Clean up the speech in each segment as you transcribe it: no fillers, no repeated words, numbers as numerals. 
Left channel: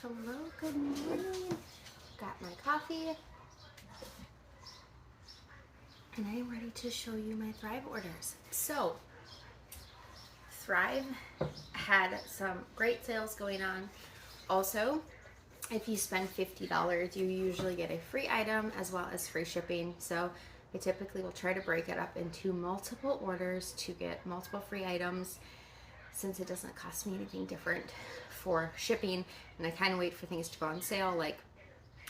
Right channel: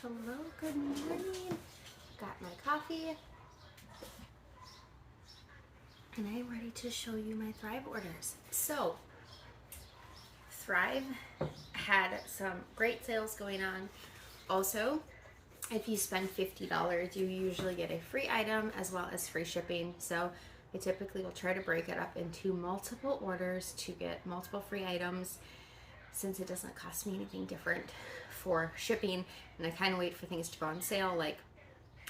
Hello, good morning. Got my coffee. And I'm ready to show you my Thrive orders. So, Thrive had some great sales going on. Also, if you spend $50, you usually get a free item as well as free shipping. So, I typically will try to break it up into multiple orders to get multiple free items, since it doesn't cost me anything different for shipping. And I kind of wait for things to go on sale. Like,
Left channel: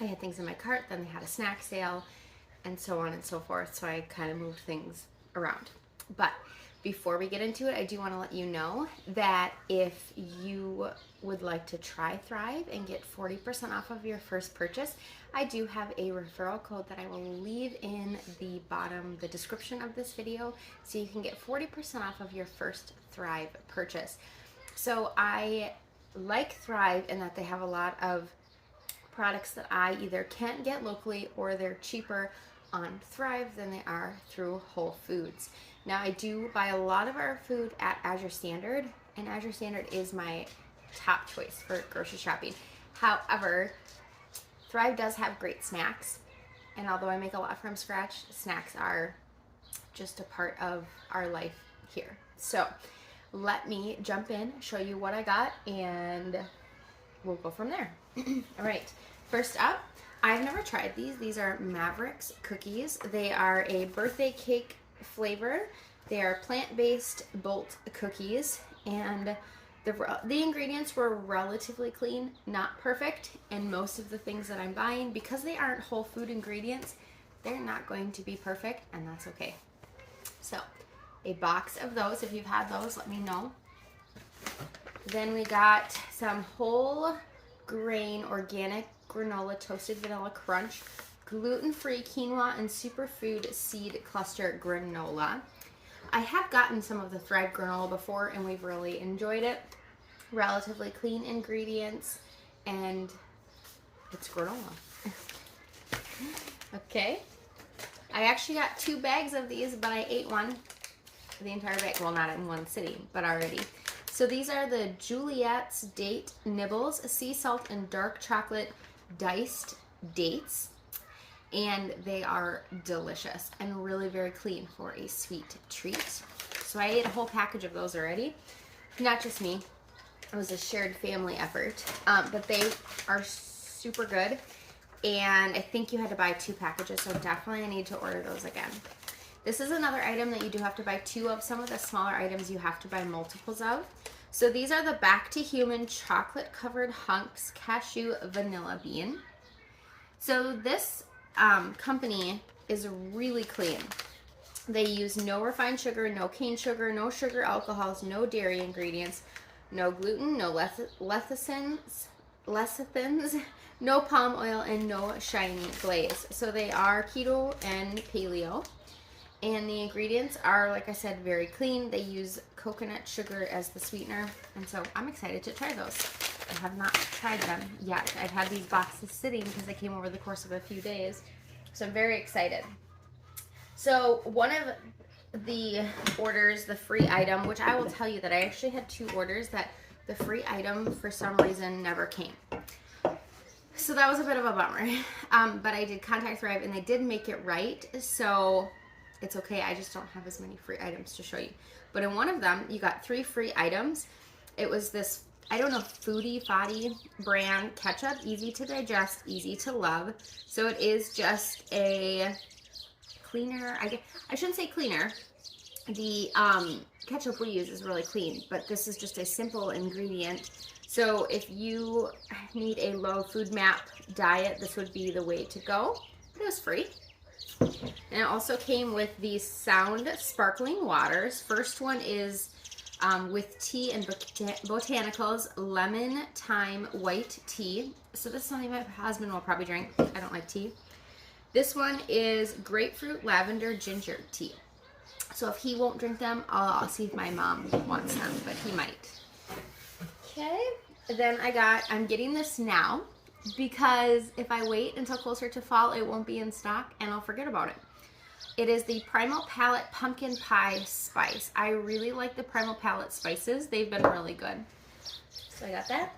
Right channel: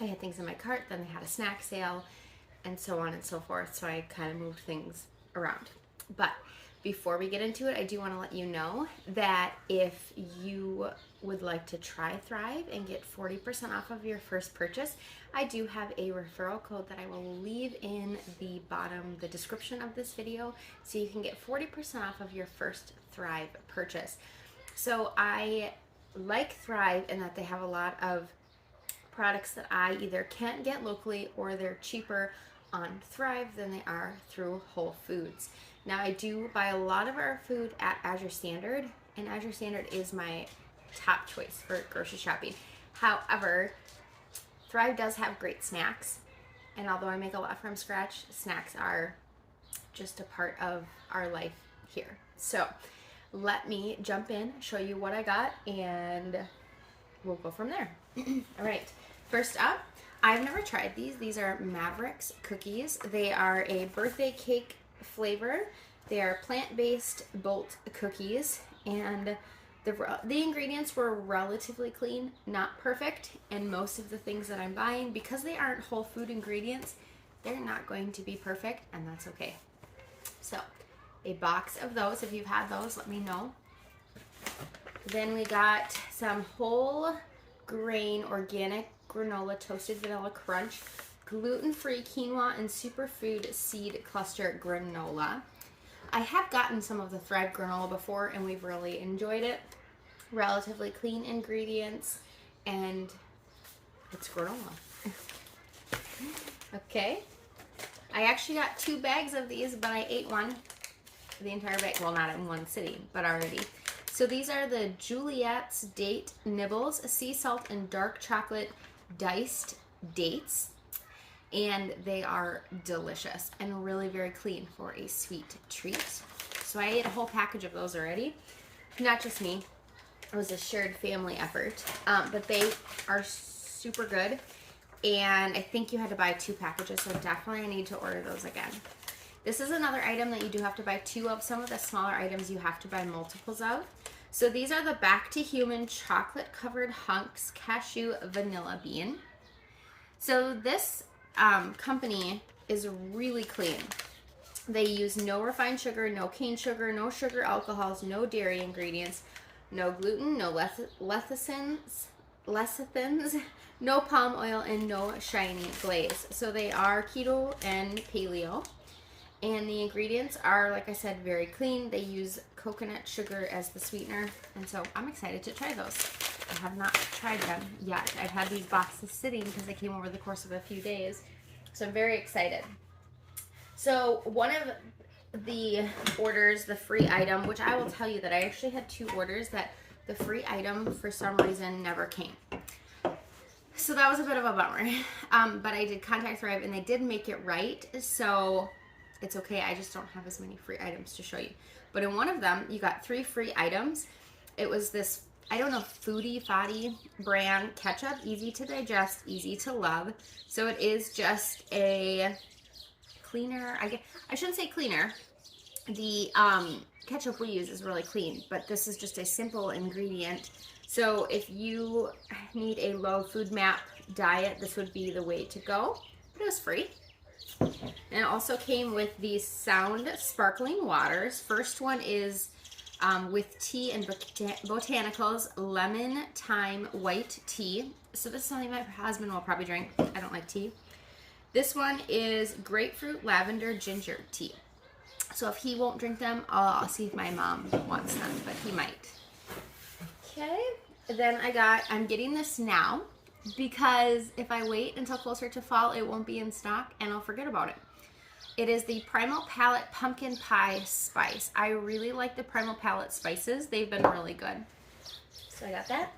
I had things in my cart, then they had a snack sale, and so on and so forth. So I kind of moved things around. But before we get into it, I do want to let you know that if you would like to try Thrive and get 40% off of your first purchase, I do have a referral code that I will leave in the description of this video, so you can get 40% off of your first Thrive purchase. So I like Thrive in that they have a lot of products that I either can't get locally or they're cheaper on Thrive than they are through Whole Foods. Now, I do buy a lot of our food at Azure Standard, and Azure Standard is my top choice for grocery shopping. However, Thrive does have great snacks, and although I make a lot from scratch, snacks are just a part of our life here. So let me jump in, show you what I got, and we'll go from there. All right, first up, I've never tried these. These are Mavericks cookies. They are a birthday cake flavor. They are plant-based Bolt cookies, and the ingredients were relatively clean, not perfect, and most of the things that I'm buying, because they aren't whole food ingredients, they're not going to be perfect, and that's okay. So, a box of those. If you've had those, let me know. Then we got some whole grain organic granola toasted vanilla crunch, gluten-free quinoa and superfood seed cluster granola. I have gotten some of the Thrive granola before, and we've really enjoyed it. Relatively clean ingredients, and it's granola. Okay. I actually got 2 bags of these, but I ate the entire bag. Well, not in one sitting, but already. So these are the Juliet's Date Nibbles, sea salt and dark chocolate diced dates. And they are delicious and really very clean for a sweet treat. So I ate a whole package of those already. Not just me. It was a shared family effort. But they are super good. And I think you had to buy 2 packages, so definitely I need to order those again. This is another item that you do have to buy 2 of. Some of the smaller items you have to buy multiples of. So these are the Back to Human chocolate covered hunks cashew vanilla bean. So this company is really clean. They use no refined sugar, no cane sugar, no sugar alcohols, no dairy ingredients, no gluten, no lecithins, no palm oil, and no shiny glaze. So they are keto and paleo. And the ingredients are, like I said, very clean. They use coconut sugar as the sweetener. And so I'm excited to try those. I have not tried them yet. I've had these boxes sitting because they came over the course of a few days. So I'm very excited. So one of the orders, the free item, which I will tell you that I actually had 2 orders that the free item for some reason never came. So that was a bit of a bummer. But I did contact Thrive and they did make it right. So it's okay. I just don't have as many free items to show you. But in one of them, you got 3 free items. It was this, I don't know, Foodie Foddy brand ketchup. Easy to digest, easy to love. So it is just a cleaner. I shouldn't say cleaner. The ketchup we use is really clean, but this is just a simple ingredient. So if you need a low food map diet, this would be the way to go. It was free. And it also came with the Sound Sparkling Waters. First one is with tea and botanicals, lemon thyme white tea. So this is something my husband will probably drink. I don't like tea. This one is grapefruit lavender ginger tea. So if he won't drink them, I'll see if my mom wants them, but he might. Okay. Then I'm getting this now, because if I wait until closer to fall, it won't be in stock and I'll forget about it. It is the Primal Palette Pumpkin Pie Spice. I really like the Primal Palette spices. They've been really good. So I got that.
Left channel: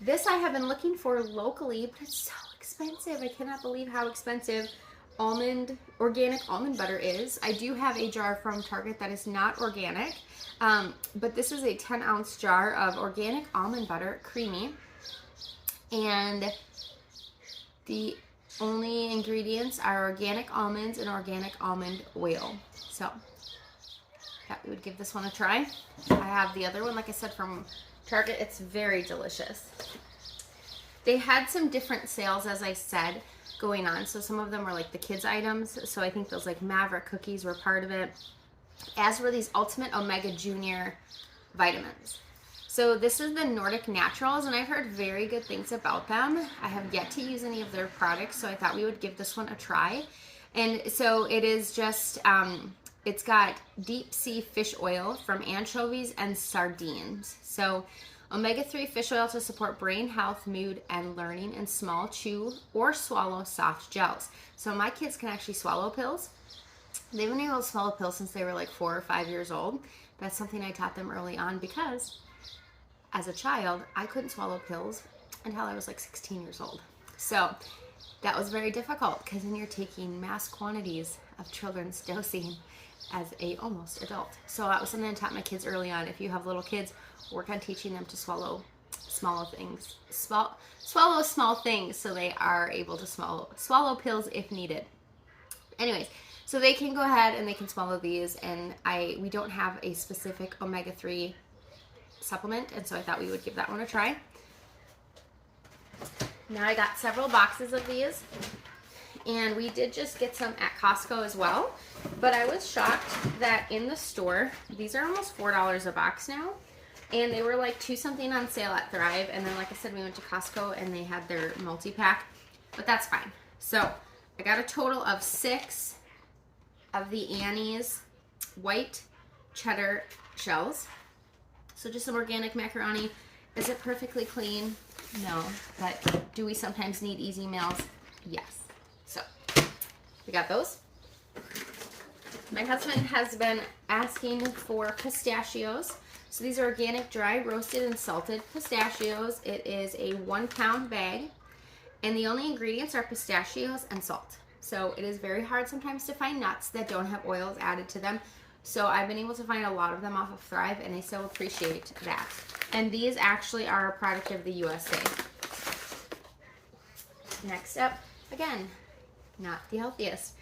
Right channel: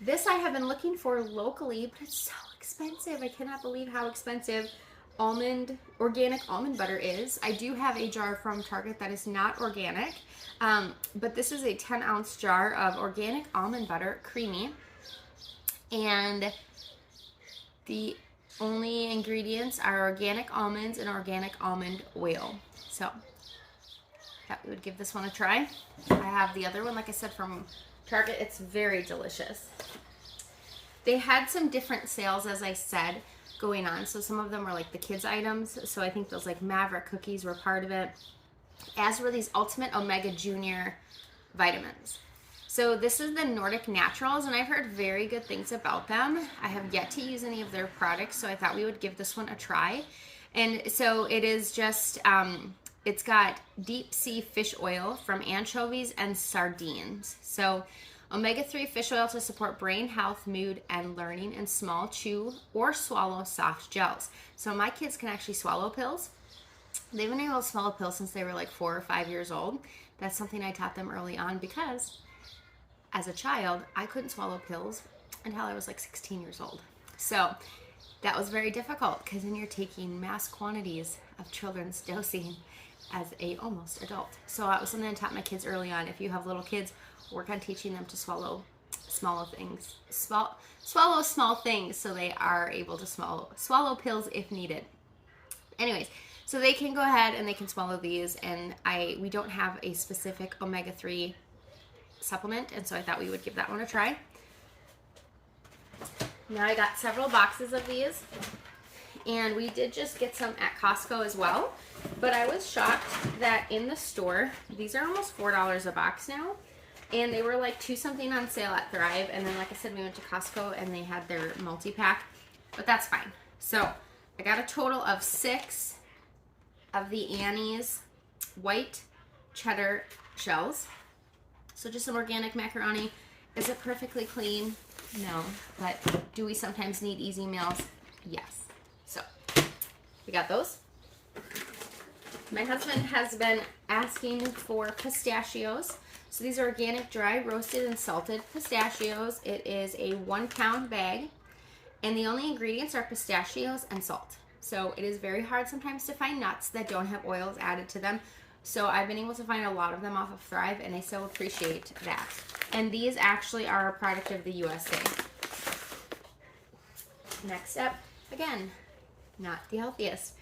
This I have been looking for locally, but it's so expensive. I cannot believe how expensive organic almond butter is. I do have a jar from Target that is not organic, but this is a 10-ounce jar of organic almond butter, creamy, and the only ingredients are organic almonds and organic almond oil. So thought we would give this one a try. I have the other one, like I said, from Target. It's very delicious. They had some different sales, as I said, going on. So some of them were like the kids items. So I think those like Maverick cookies were part of it, as were these Ultimate Omega Junior vitamins. So this is the Nordic Naturals, and I've heard very good things about them. I have yet to use any of their products, so I thought we would give this one a try. And so it is just, it's got deep sea fish oil from anchovies and sardines. So omega-3 fish oil to support brain health, mood, and learning in small chew or swallow soft gels. So my kids can actually swallow pills. They've been able to swallow pills since they were like 4 or 5 years old. That's something I taught them early on because as a child, I couldn't swallow pills until I was like 16 years old. So that was very difficult because then you're taking mass quantities of children's dosing as a almost adult. So that was something I taught my kids early on. If you have little kids, work on teaching them to swallow small things, swallow small things, so they are able to swallow pills if needed. Anyways, so they can go ahead and they can swallow these, and we don't have a specific omega-3 supplement, and so I thought we would give that one a try. Now I got several boxes of these, and we did just get some at Costco as well, but I was shocked that in the store, these are almost $4 a box now, and they were like 2 something on sale at Thrive, and then like I said, we went to Costco and they had their multi-pack, but that's fine. So I got a total of 6 of the Annie's white cheddar shells. So just some organic macaroni. Is it perfectly clean? No. But do we sometimes need easy meals? Yes. So we got those. My husband has been asking for pistachios. So these are organic, dry, roasted, and salted pistachios. It is a 1-pound bag. And the only ingredients are pistachios and salt. So it is very hard sometimes to find nuts that don't have oils added to them. So I've been able to find a lot of them off of Thrive, and I so appreciate that. And these actually are a product of the USA. Next up, again, not the healthiest,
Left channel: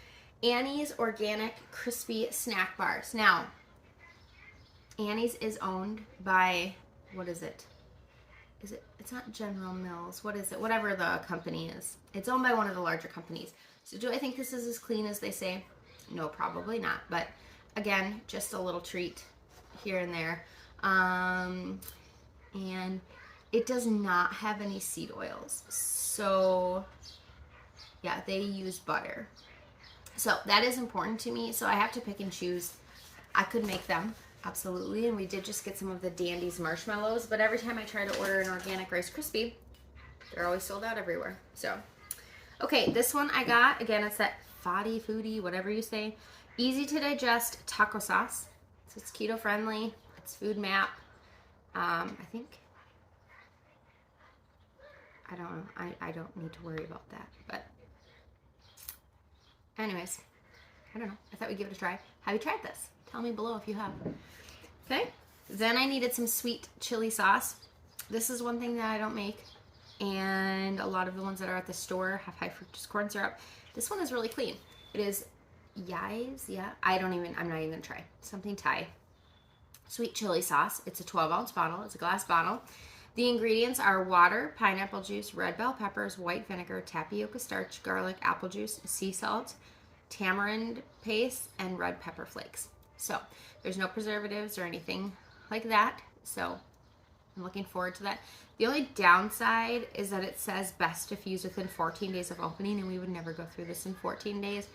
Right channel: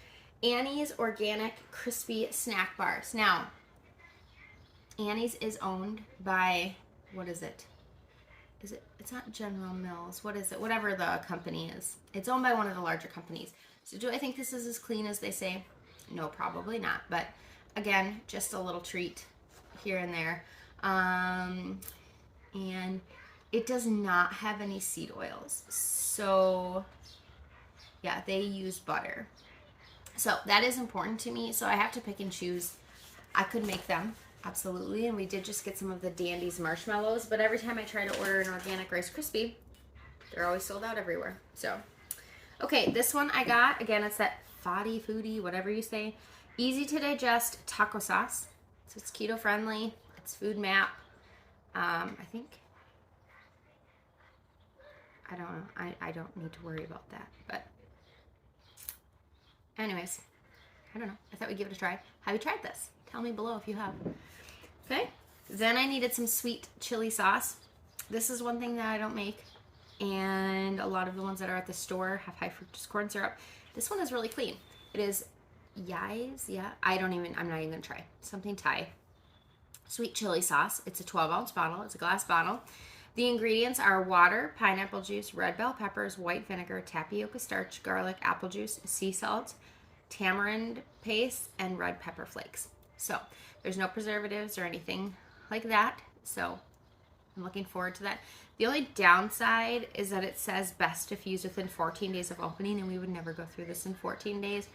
Annie's Organic Crispy Snack Bars. Now, Annie's is owned by, what is it? It's not General Mills. What is it? Whatever the company is. It's owned by one of the larger companies. So do I think this is as clean as they say? No, probably not. But again, just a little treat here and there. And it does not have any seed oils. So yeah, they use butter. So that is important to me. So I have to pick and choose. I could make them, absolutely. And we did just get some of the Dandy's marshmallows. But every time I try to order an organic Rice Krispie, they're always sold out everywhere. So, okay, this one I got. Again, it's that foodie, whatever you say. Easy to digest taco sauce. So it's keto friendly. It's food map. I think, I don't know. I don't need to worry about that. But anyways, I don't know. I thought we'd give it a try. Have you tried this? Tell me below if you have. Okay. Then I needed some sweet chili sauce. This is one thing that I don't make. And a lot of the ones that are at the store have high fructose corn syrup. This one is really clean. It is Yai's, yeah. I'm not even gonna try. Something Thai. Sweet chili sauce. It's a 12-ounce bottle. It's a glass bottle. The ingredients are water, pineapple juice, red bell peppers, white vinegar, tapioca starch, garlic, apple juice, sea salt, tamarind paste, and red pepper flakes. So there's no preservatives or anything like that. So I'm looking forward to that. The only downside is that it says best if used within 14 days of opening, and we would never go through this in 14 days.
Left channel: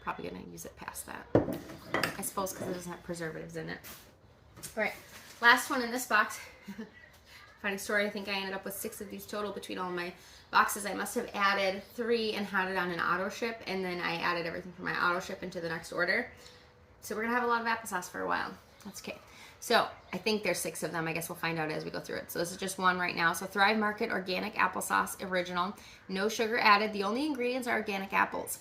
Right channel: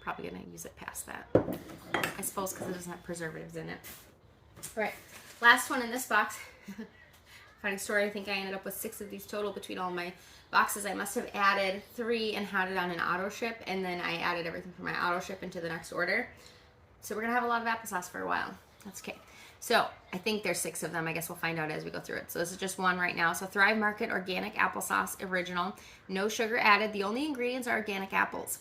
Probably gonna use it past that, I suppose, because it doesn't have preservatives in it. All right, last one in this box. Funny story, I think I ended up with 6 of these total between all my boxes. I must have added 3 and had it on an auto ship, and then I added everything from my auto ship into the next order. So we're gonna have a lot of applesauce for a while. That's okay. So I think there's 6 of them. I guess we'll find out as we go through it. So this is just one right now. So Thrive Market Organic Applesauce Original. No sugar added. The only ingredients are organic apples.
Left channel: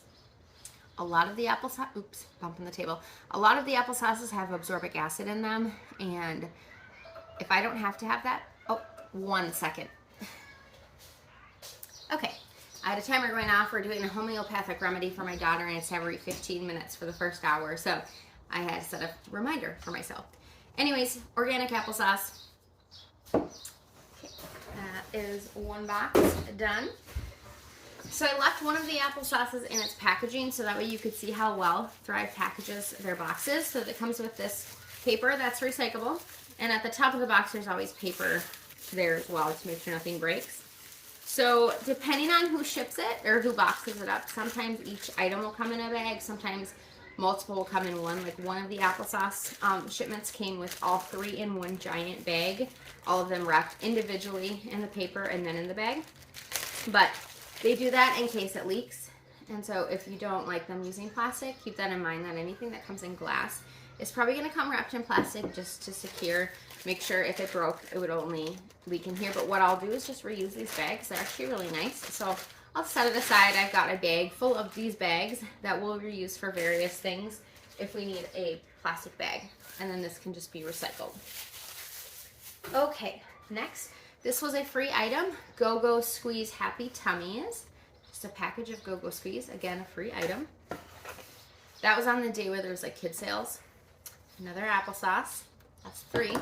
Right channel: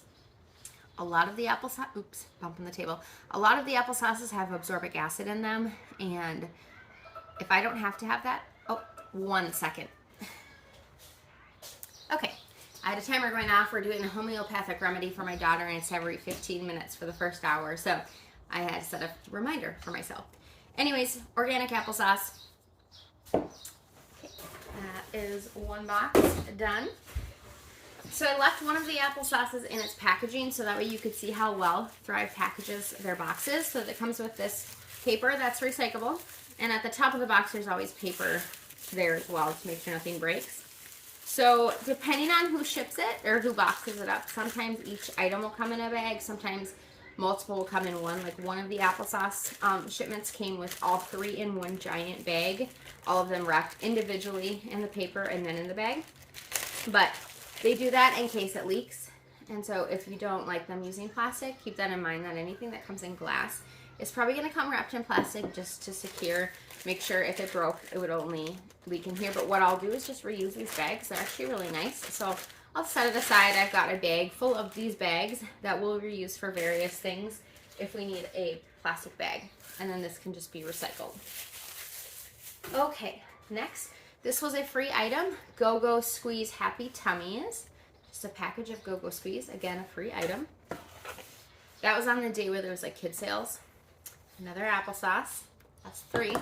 A lot of the applesauce, oops, bumping the table. A lot of the applesauces have absorbic acid in them. And if I don't have to have that, oh, 1 second. Okay. I had a timer going off. We're doing a homeopathic remedy for my daughter, and it's every 15 minutes for the first hour. So I had to set a reminder for myself. Anyways, organic applesauce. Okay, that is 1 box done. So I left one of the applesauces in its packaging so that way you could see how well Thrive packages their boxes. So it comes with this paper that's recyclable, and at the top of the box there's always paper there as well to make sure nothing breaks. So depending on who ships it or who boxes it up, sometimes each item will come in a bag, sometimes multiple will come in one. Like one of the applesauce shipments came with all 3 in one giant bag, all of them wrapped individually in the paper and then in the bag. But they do that in case it leaks. And so if you don't like them using plastic, keep that in mind that anything that comes in glass is probably going to come wrapped in plastic just to secure. Make sure if it broke, it would only leak in here. But what I'll do is just reuse these bags. They're actually really nice. So I'll set it aside. I've got a bag full of these bags that we'll reuse for various things if we need a plastic bag. And then this can just be recycled. Okay, next. This was a free item, Go-Go Squeeze Happy Tummies. Just a package of Go-Go Squeeze, again, a free item. That was on the day where there was like kid sales. Another applesauce, that's 3.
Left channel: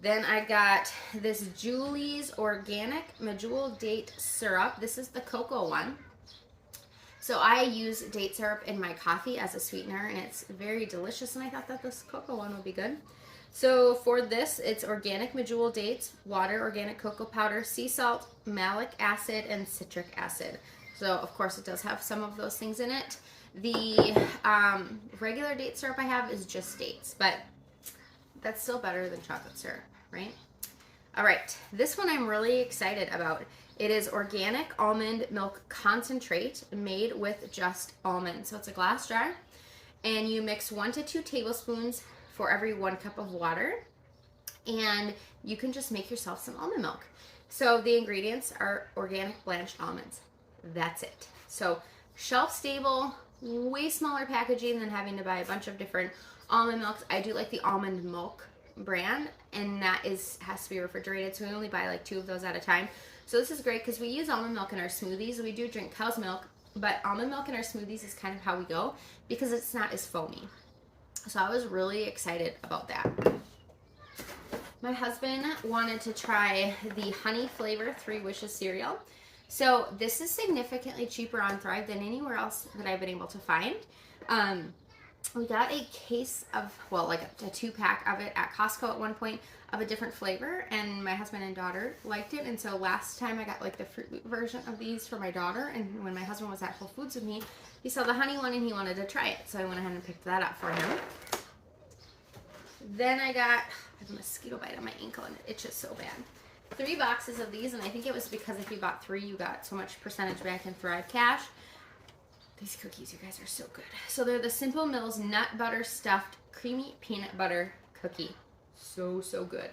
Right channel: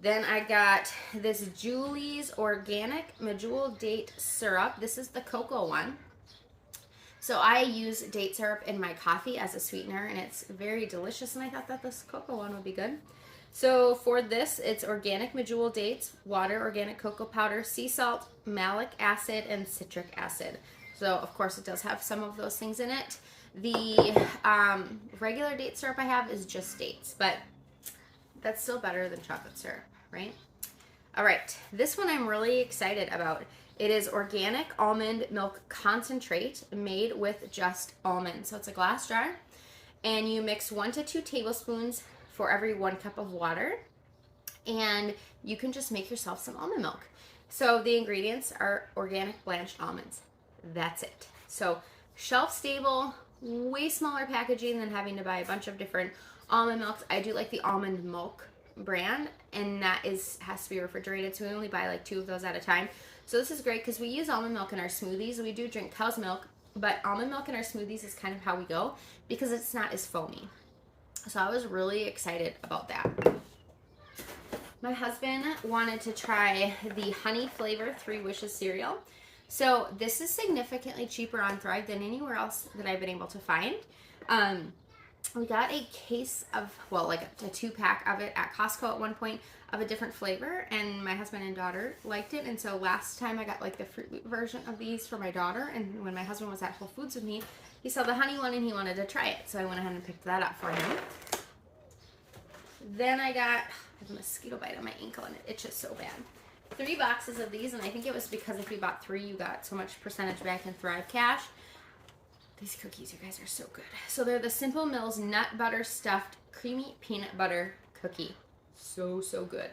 Then I got this Julie's Organic Medjool Date Syrup. This is the cocoa one. So I use date syrup in my coffee as a sweetener, and it's very delicious, and I thought that this cocoa one would be good. So for this, it's organic medjool dates, water, organic cocoa powder, sea salt, malic acid, and citric acid. So of course it does have some of those things in it. The regular date syrup I have is just dates, but that's still better than chocolate syrup, right? All right, this one I'm really excited about. It is organic almond milk concentrate made with just almonds. So it's a glass jar, and you mix 1 to 2 tablespoons for every 1 cup of water, and you can just make yourself some almond milk. So the ingredients are organic blanched almonds. That's it. So shelf stable, way smaller packaging than having to buy a bunch of different almond milks. I do like the almond milk brand, and that has to be refrigerated, so we only buy like 2 of those at a time. So this is great because we use almond milk in our smoothies. We do drink cow's milk, but almond milk in our smoothies is kind of how we go because it's not as foamy. So I was really excited about that. My husband wanted to try the honey flavor 3 Wishes cereal. So this is significantly cheaper on Thrive than anywhere else that I've been able to find. We got a case of, well, like a 2-pack of it at Costco at one point of a different flavor, and my husband and daughter liked it. And so last time I got like the Fruit Loop version of these for my daughter, and when my husband was at Whole Foods with me, he saw the honey one and he wanted to try it. So I went ahead and picked that up for him. Then I got, I have a mosquito bite on my ankle and it itches so bad. 3 boxes of these, and I think it was because if you bought 3, you got so much percentage back in Thrive Cash. These cookies, you guys, are so good. So they're the Simple Mills Nut Butter Stuffed Creamy Peanut Butter Cookie. So, so good.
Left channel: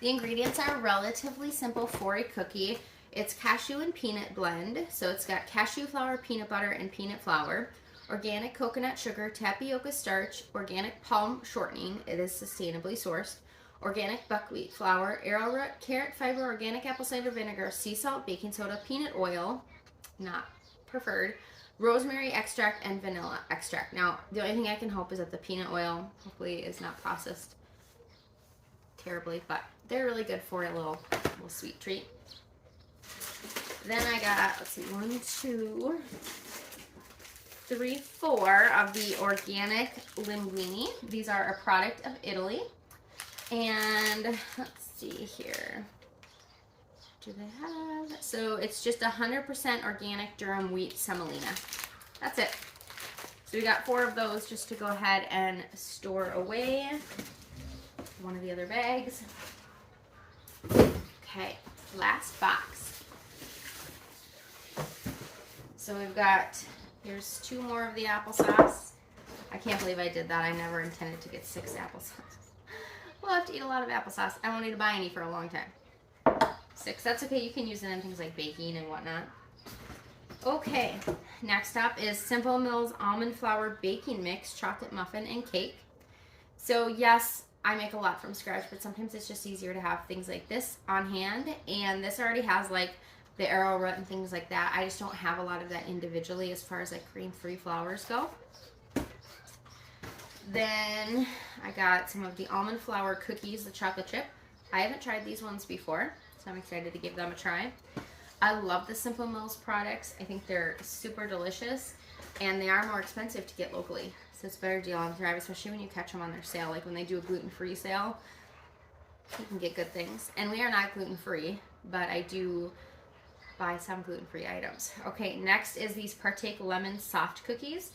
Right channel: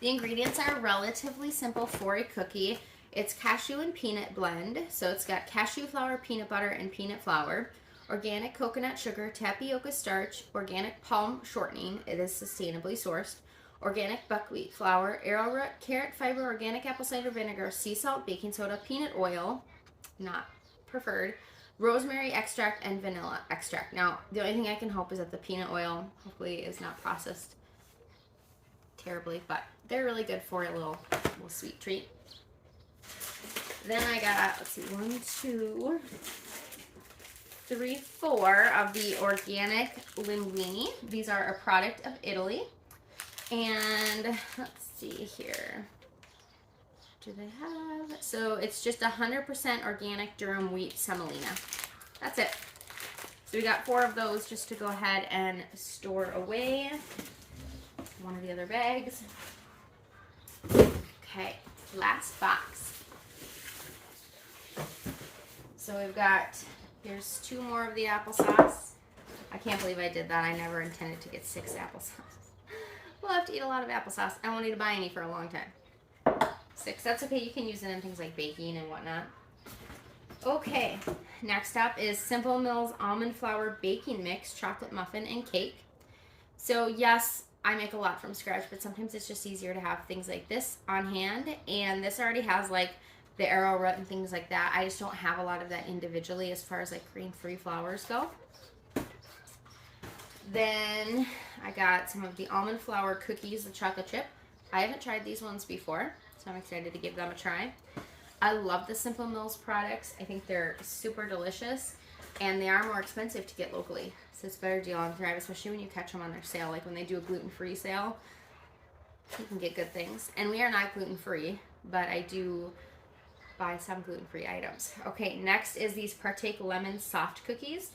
The ingredients are relatively simple for a cookie. It's cashew and peanut blend. So it's got cashew flour, peanut butter, and peanut flour. Organic coconut sugar, tapioca starch, organic palm shortening. It is sustainably sourced. Organic buckwheat flour, arrowroot, carrot fiber, organic apple cider vinegar, sea salt, baking soda, peanut oil, not preferred, rosemary extract, and vanilla extract. Now, the only thing I can hope is that the peanut oil hopefully is not processed terribly, but they're really good for a little sweet treat. Then I got, let's see, 1, 2, 3, 4 of the organic linguine. These are a product of Italy. And let's see here. Do they have? So it's just 100% organic durum wheat semolina. That's it. So we got 4 of those just to go ahead and store away. One of the other bags. Okay, last box. So we've got, here's 2 more of the applesauce. I I can't believe I did that. I never intended to get 6 applesauce. We'll have to eat a lot of applesauce. I won't need to buy any for a long time. 6, that's okay. You can use it in things like baking and whatnot. Okay, next up is Simple Mills Almond Flour Baking Mix Chocolate Muffin and Cake. So yes, I make a lot from scratch, but sometimes it's just easier to have things like this on hand. And this already has like the arrowroot and things like that. I just don't have a lot of that individually as far as like grain-free flours go. Then I got some of the almond flour cookies, the chocolate chip. I haven't tried these ones before, so I'm excited to give them a try. I love the Simple Mills products. I think they're super delicious, and they are more expensive to get locally. So it's a better deal on Thrive, especially when you catch them on their sale. Like when they do a gluten-free sale, you can get good things. And we are not gluten-free, but I do buy some gluten-free items. Okay, next is these Partake Lemon Soft Cookies.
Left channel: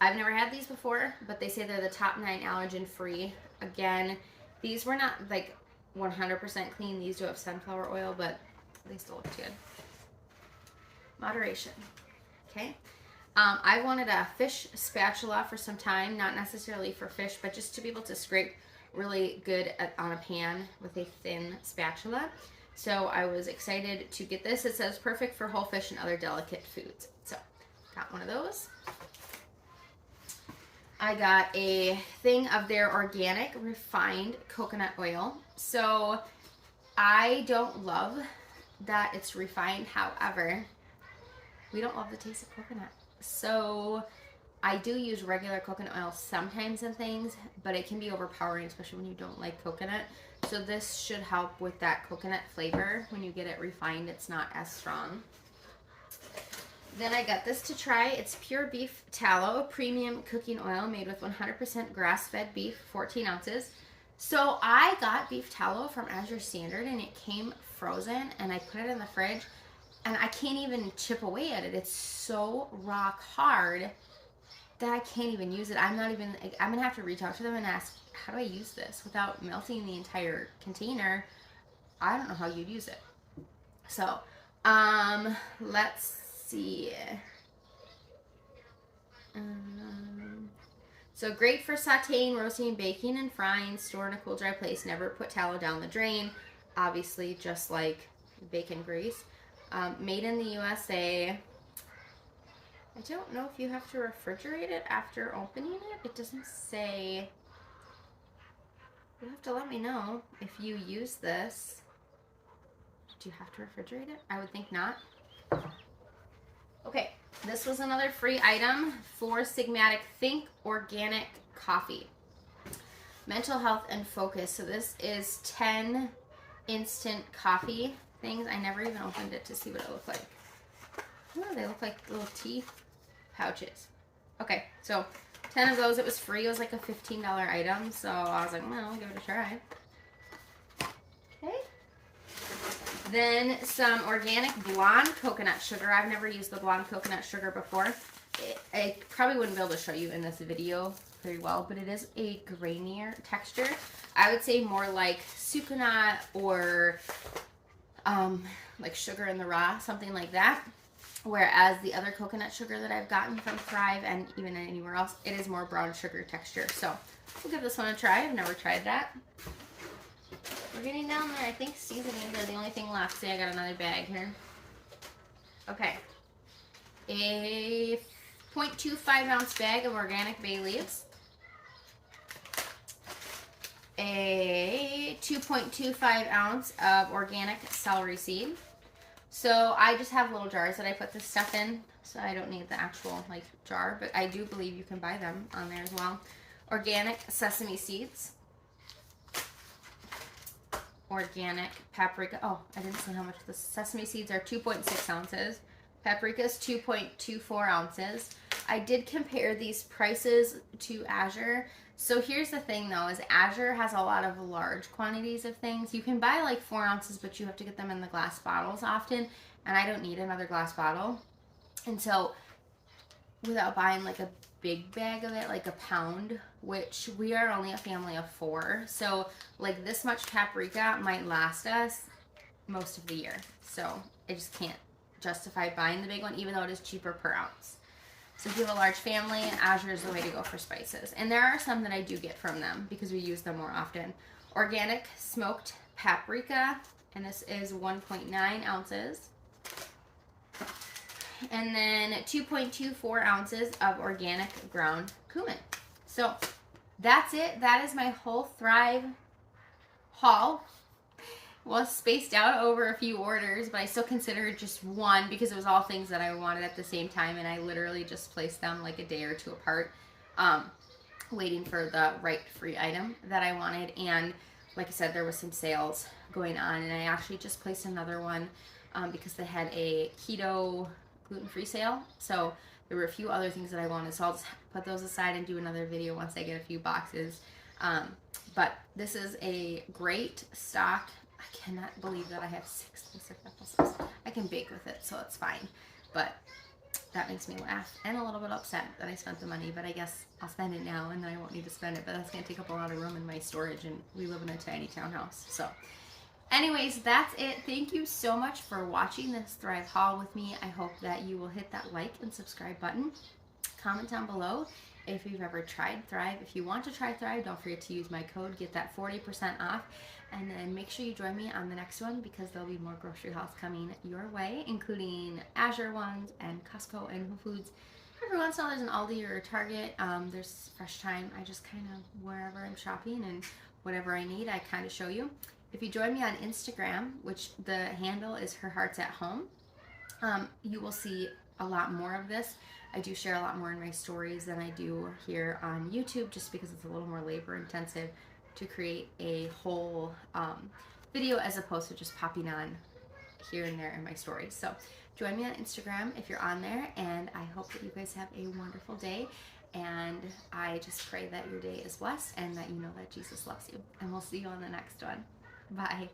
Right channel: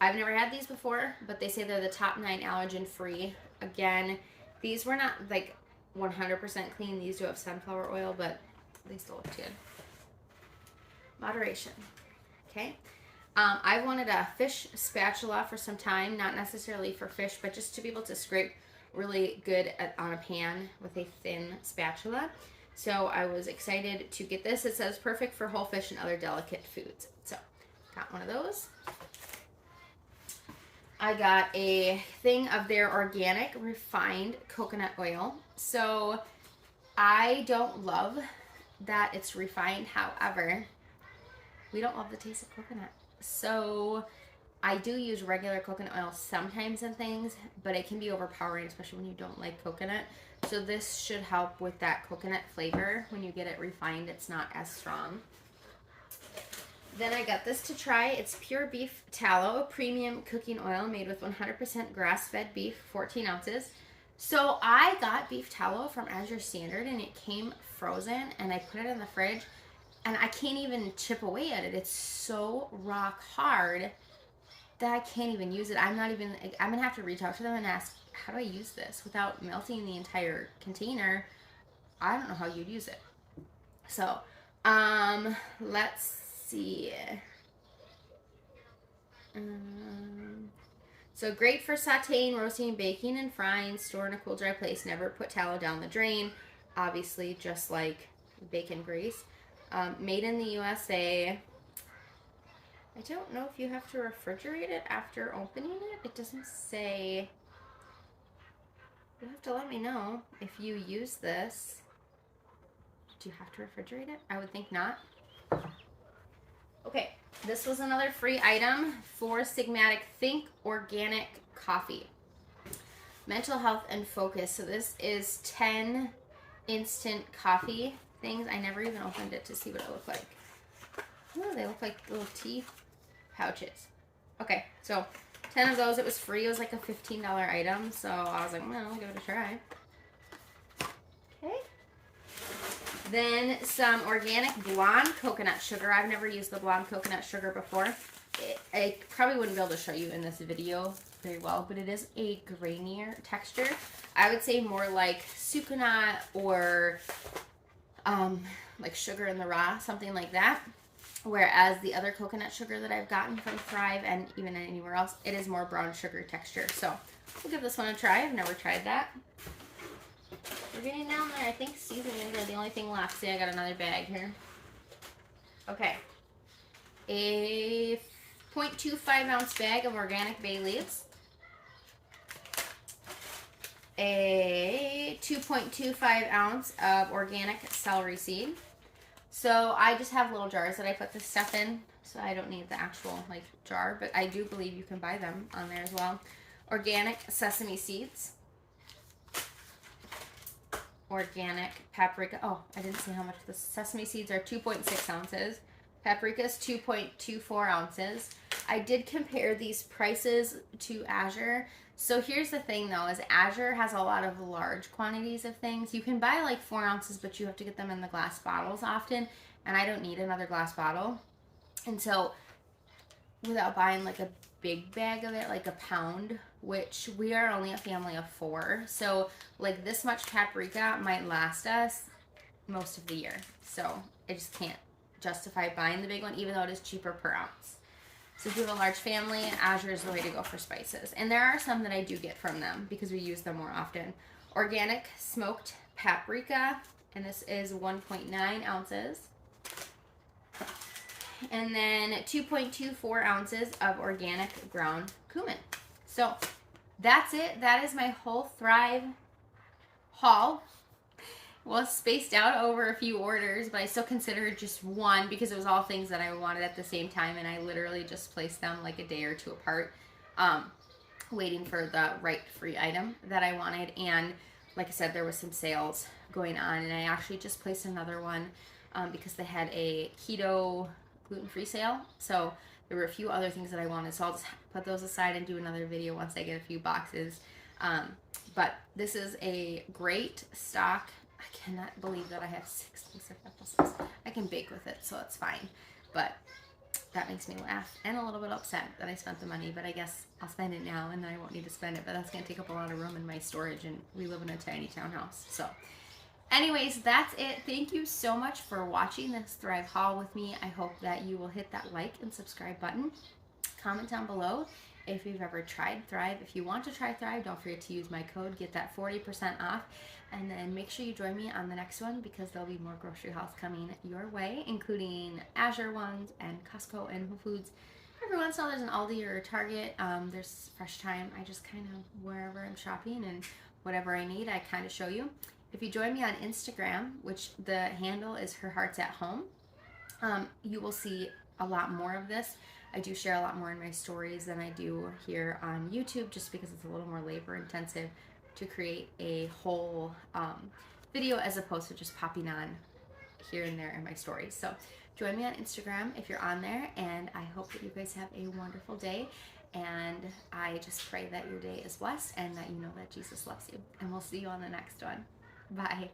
I've never had these before, but they say they're the top 9 allergen-free. Again, these were not like 100% clean. These do have sunflower oil, but they still look good. Moderation. Okay. I wanted a fish spatula for some time, not necessarily for fish, but just to be able to scrape really good on a pan with a thin spatula. So I was excited to get this. It says perfect for whole fish and other delicate foods. So got one of those. I got a thing of their organic refined coconut oil. So I don't love that it's refined. However, we don't love the taste of coconut. So I do use regular coconut oil sometimes in things, but it can be overpowering, especially when you don't like coconut. So this should help with that coconut flavor. When you get it refined, it's not as strong. Then I got this to try. It's Pure Beef Tallow Premium Cooking Oil made with 100% grass-fed beef, 14 ounces. So I got beef tallow from Azure Standard, and it came frozen, and I put it in the fridge, and I can't even chip away at it. It's so rock hard that I can't even use it. I'm going to have to reach out to them and ask, how do I use this without melting the entire container? I don't know how you'd use it. So, let's see. So great for sauteing, roasting, baking, and frying. Store in a cool, dry place. Never put tallow down the drain. Obviously, just like bacon grease. Made in the USA. I don't know if you have to refrigerate it after opening it. It doesn't say. You'll have to let me know if you use this. Do you have to refrigerate it? I would think not. Okay, this was another free item for Sigmatic Think Organic Coffee. Mental health and focus. So this is 10 instant coffee things. I never even opened it to see what it looked like. Oh, they look like little tea pouches. Okay, so 10 of those. It was free. It was like a $15 item. So I was like, well, I'll give it a try. Okay. Then some organic blonde coconut sugar. I've never used the blonde coconut sugar before. I probably wouldn't be able to show you in this video very well, but it is a grainier texture. I would say more like Sucanat or like Sugar in the Raw, something like that. Whereas the other coconut sugar that I've gotten from Thrive and even anywhere else, it is more brown sugar texture. So we'll give this one a try. I've never tried that. We're getting down there. I think seasonings are the only thing left. See, I got another bag here. Okay. A 0.25 ounce bag of organic bay leaves. A 2.25 ounce of organic celery seed. So I just have little jars that I put this stuff in, so I don't need the actual like jar, but I do believe you can buy them on there as well. Organic sesame seeds. Organic paprika. Oh, I didn't say how much. The sesame seeds are 2.6 ounces. Paprika is 2.24 ounces. I did compare these prices to Azure. So here's the thing though, is Azure has a lot of large quantities of things. You can buy like 4 ounces, but you have to get them in the glass bottles often. And I don't need another glass bottle. And so without buying like a big bag of it, like a pound, which we are only a family of 4. So like this much paprika might last us most of the year. So I just can't justify buying the big one, even though it is cheaper per ounce. So if you have a large family, Azure is the way to go for spices. And there are some that I do get from them because we use them more often. Organic smoked paprika, and this is 1.9 ounces. And then 2.24 ounces of organic ground cumin. So that's it. That is my whole Thrive haul. Well, spaced out over a few orders, but I still consider it just one because it was all things that I wanted at the same time, and I literally just placed them like a day or two apart, waiting for the right free item that I wanted. And like I said, there was some sales going on, and I actually just placed another one because they had a keto gluten-free sale. So there were a few other things that I wanted, so I'll just put those aside and do another video once I get a few boxes. But this is a great stock. I cannot believe that I have 6 pieces of applesauce. I can bake with it, so it's fine. But that makes me laugh and a little bit upset that I spent the money. But I guess I'll spend it now, and then I won't need to spend it. But that's going to take up a lot of room in my storage, and we live in a tiny townhouse. So anyways, that's it. Thank you so much for watching this Thrive haul with me. I hope that you will hit that like and subscribe button. Comment down below if you've ever tried Thrive. If you want to try Thrive, don't forget to use my code. Get that 40% off. And then make sure you join me on the next one because there'll be more grocery hauls coming your way, including Azure ones and Costco and Whole Foods. Every once in a while there's an Aldi or a Target. There's Fresh Time. I just kind of, wherever I'm shopping and whatever I need, I kind of show you. If you join me on Instagram, which the handle is Her Hearts at Home, you will see a lot more of this. I do share a lot more in my stories than I do here on YouTube just because it's a little more labor intensive to create a whole video as opposed to just popping on here and there in my stories. So join me on Instagram if you're on there, and I hope that you guys have a wonderful day, and I just pray that your day is blessed and that you know that Jesus loves you, and we'll see you on the next one. Bye.